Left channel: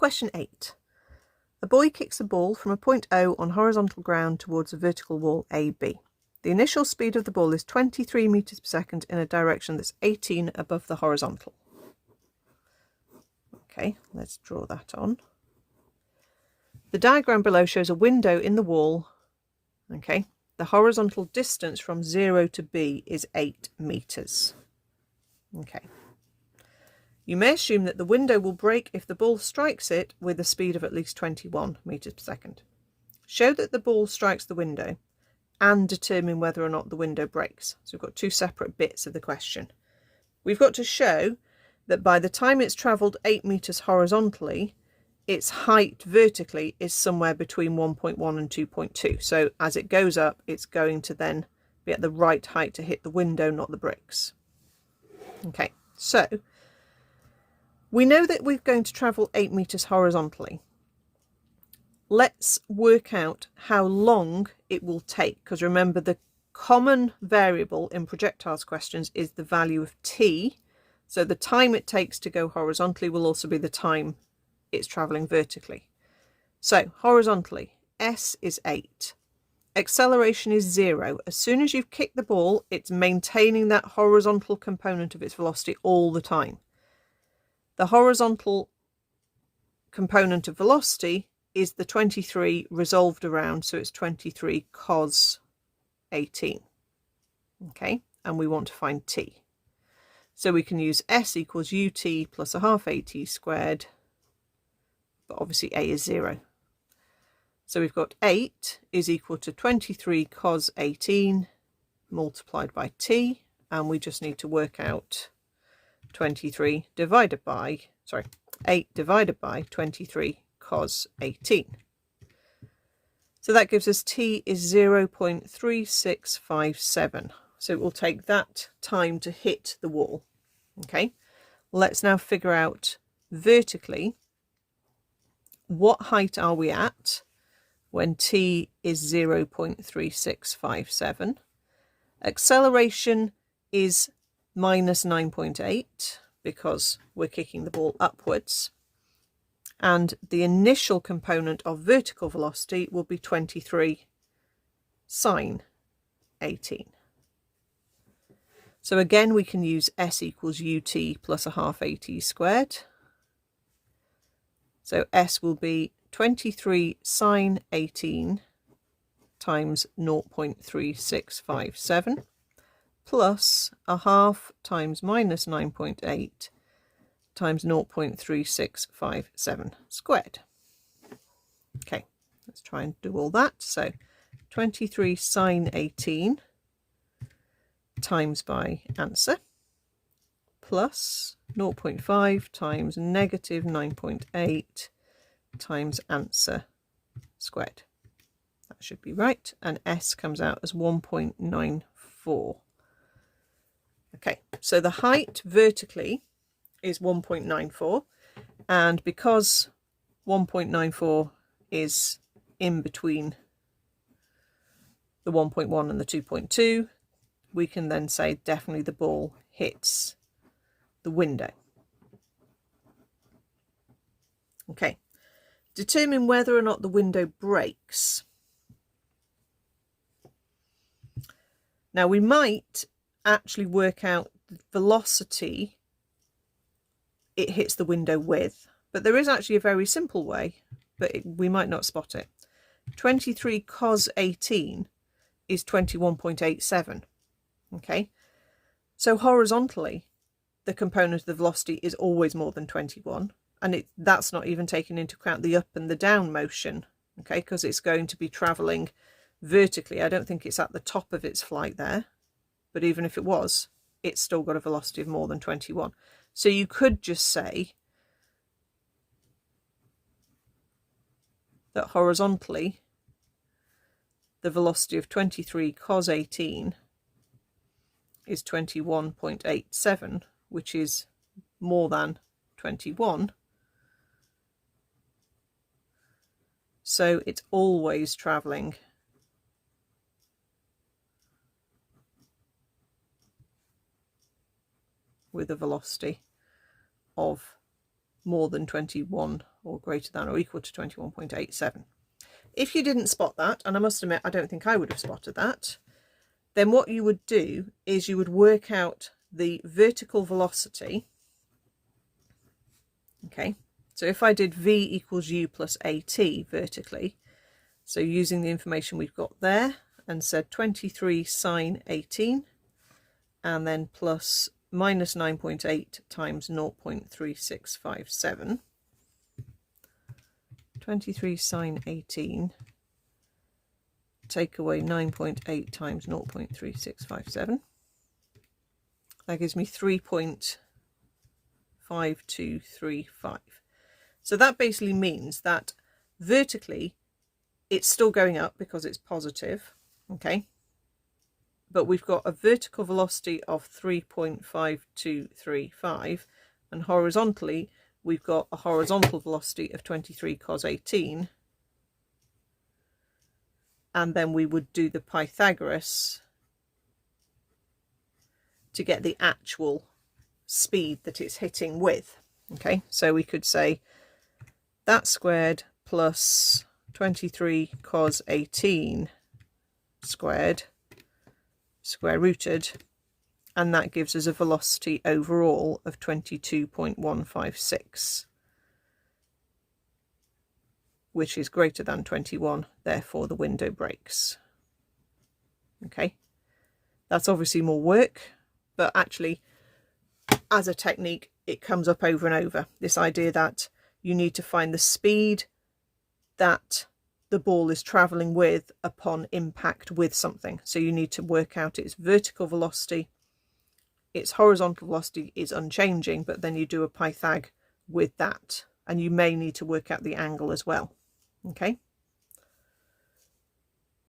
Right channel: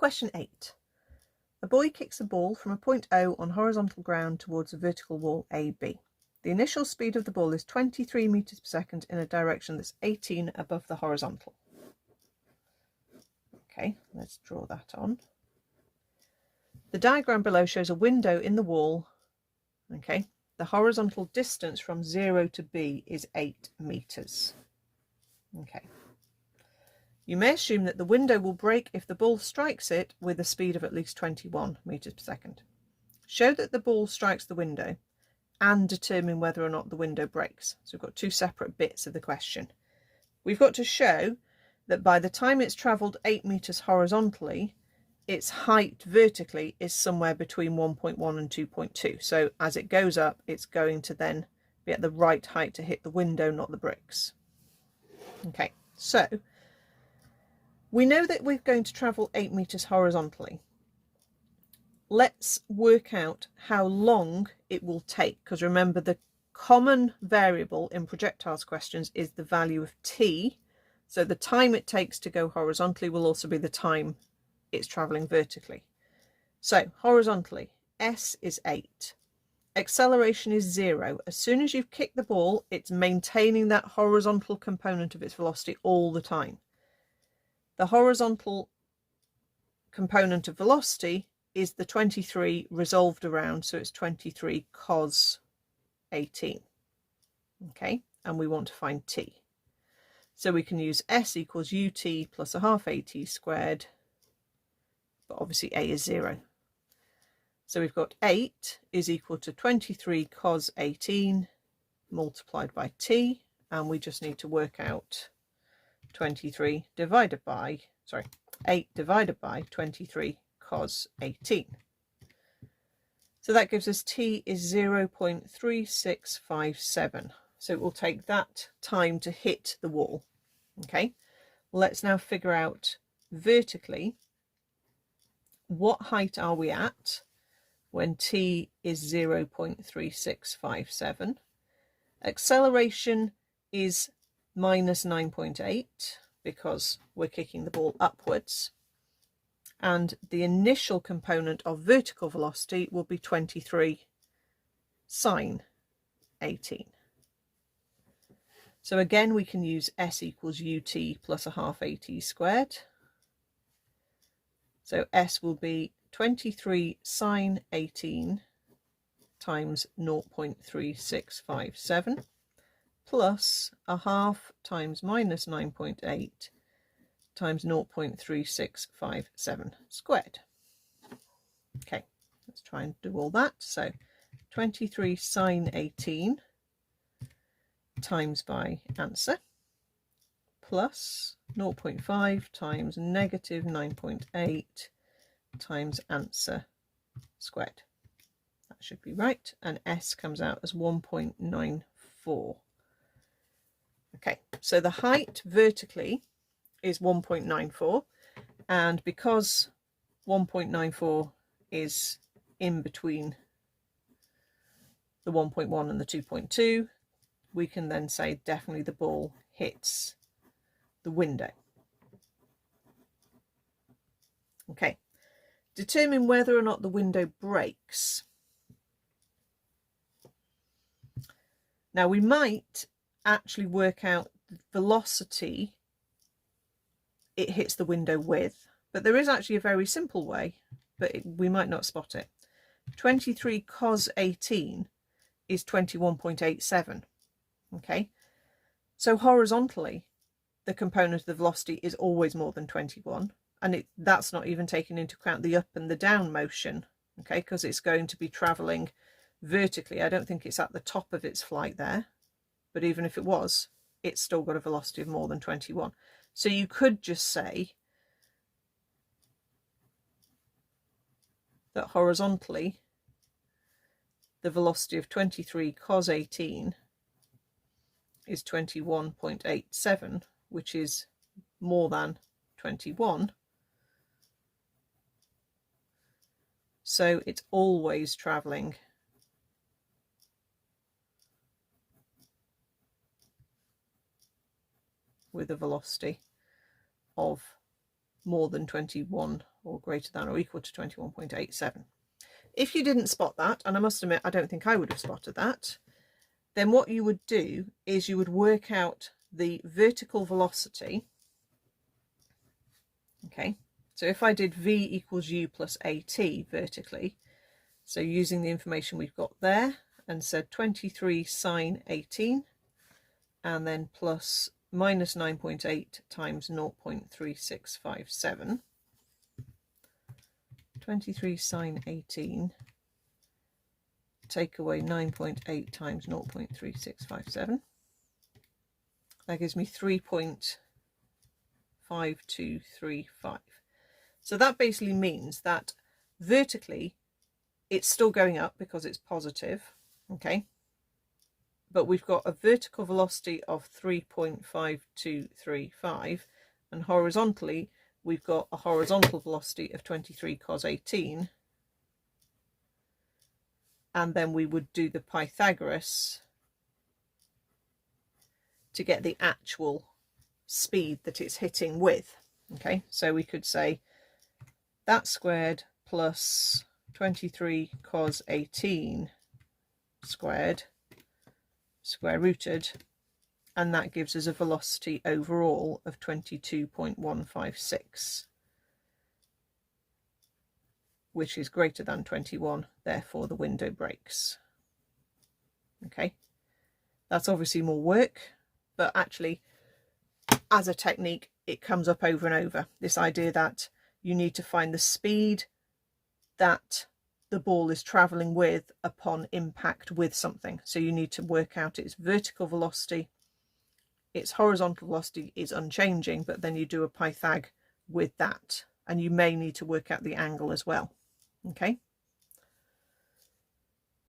Question 8. A boy kicks a ball from a point O on horizontal ground towards a vertical wall AB. The initial speed of the ball is 23 meters per second in a direction that's 18 above the horizontal. Okay, let's draw that on. The diagram below shows a window in the wall. Okay, the horizontal distance from 0 to B is 8 meters. Okay. You may assume that the window will break if the ball strikes it with a speed of at least 21 meters per second. Show that the ball strikes the window and determine whether or not the window breaks. So we've got two separate bits of the question. We've got to show that by the time it's travelled 8 meters horizontally, its height vertically is somewhere between 1.1 and 2.2. So as it goes up, it's going to then be at the right height to hit the window, not the bricks. Okay, so we know that we're going to travel 8 meters horizontally. Let's work out how long it will take, because remember the common variable in projectiles questions is the value of t. So the time it takes to go horizontally will also be the time it's travelling vertically. So horizontally, s is 8. Acceleration is 0. As soon as you've kicked the ball, it's maintaining that horizontal component of its velocity all the time. The horizontal component of velocity is the 23 resolved around, so it's 23 cos 18. Okay, and we want to find t. So we can use s equals ut plus a half at squared, but obviously a is 0. So we've got 8 is equal to 23 cos 18 multiplied by t, and we just need to work out 23 divided by, 8 divided by 23 cos 18. So that gives us t is 0.3657. So it will take that time to hit the wall. Okay, let's now figure out vertically what height are we at when t is 0.3657. Acceleration is minus 9.8 because we're kicking the ball upwards, and the initial component of vertical velocity will be 23 sine 18. So again we can use s equals ut plus a half at squared. So s will be 23 sine 18 times 0.3657 plus a half times minus 9.8 times 0.3657 squared. Okay, let's try and do all that. So 23 sine 18 times by answer plus 0.5 times negative 9.8 times answer squared. That should be right, and s comes out as 1.94. Okay, so the height vertically is 1.94, and because 1.94 is in between the 1.1 and the 2.2, we can then say definitely the ball hits the window. Okay, determine whether or not the window breaks. Now we might actually work out the velocity it hits the window with, but there is actually a very simple way, but we might not spot it. 23 cos 18 is 21.87. Okay, so horizontally the component of the velocity is always more than 21, and that's not even taking into account the up and the down motion, okay, because it's going to be travelling vertically. I don't think it's at the top of its flight there, but even if it was, it's still got a velocity of more than 21. So you could just say that horizontally the velocity of 23 cos 18 is 21.87, which is more than 21. So it's always travelling with a velocity of more than 21 or greater than or equal to 21.87. If you didn't spot that, and I must admit I don't think I would have spotted that, then what you would do is you would work out the vertical velocity. Okay, so if I did v equals u plus at vertically, so using the information we've got there, and said 23 sine 18, and then plus minus 9.8 times 0.3657, 23 sine 18, take away 9.8 times 0.3657, that gives me 3.5235. So that basically means that vertically it's still going up because it's positive, okay, but we've got a vertical velocity of 3.5235, and horizontally we've got a horizontal velocity of 23 cos 18, and then we would do the Pythagoras to get the actual speed that it's hitting with. Okay, so we could say that squared plus 23 cos 18 squared square rooted, and that gives us a velocity overall of 22.156, which is greater than 21, therefore the window breaks. Okay, that's obviously more work, but actually as a technique it comes up over and over, this idea that you need to find the speed that the ball is traveling with upon impact with something. So you need to work out its vertical velocity, its horizontal velocity is unchanging, but then you do a Pythag with that, and you may need to work out the angle as well. Okay.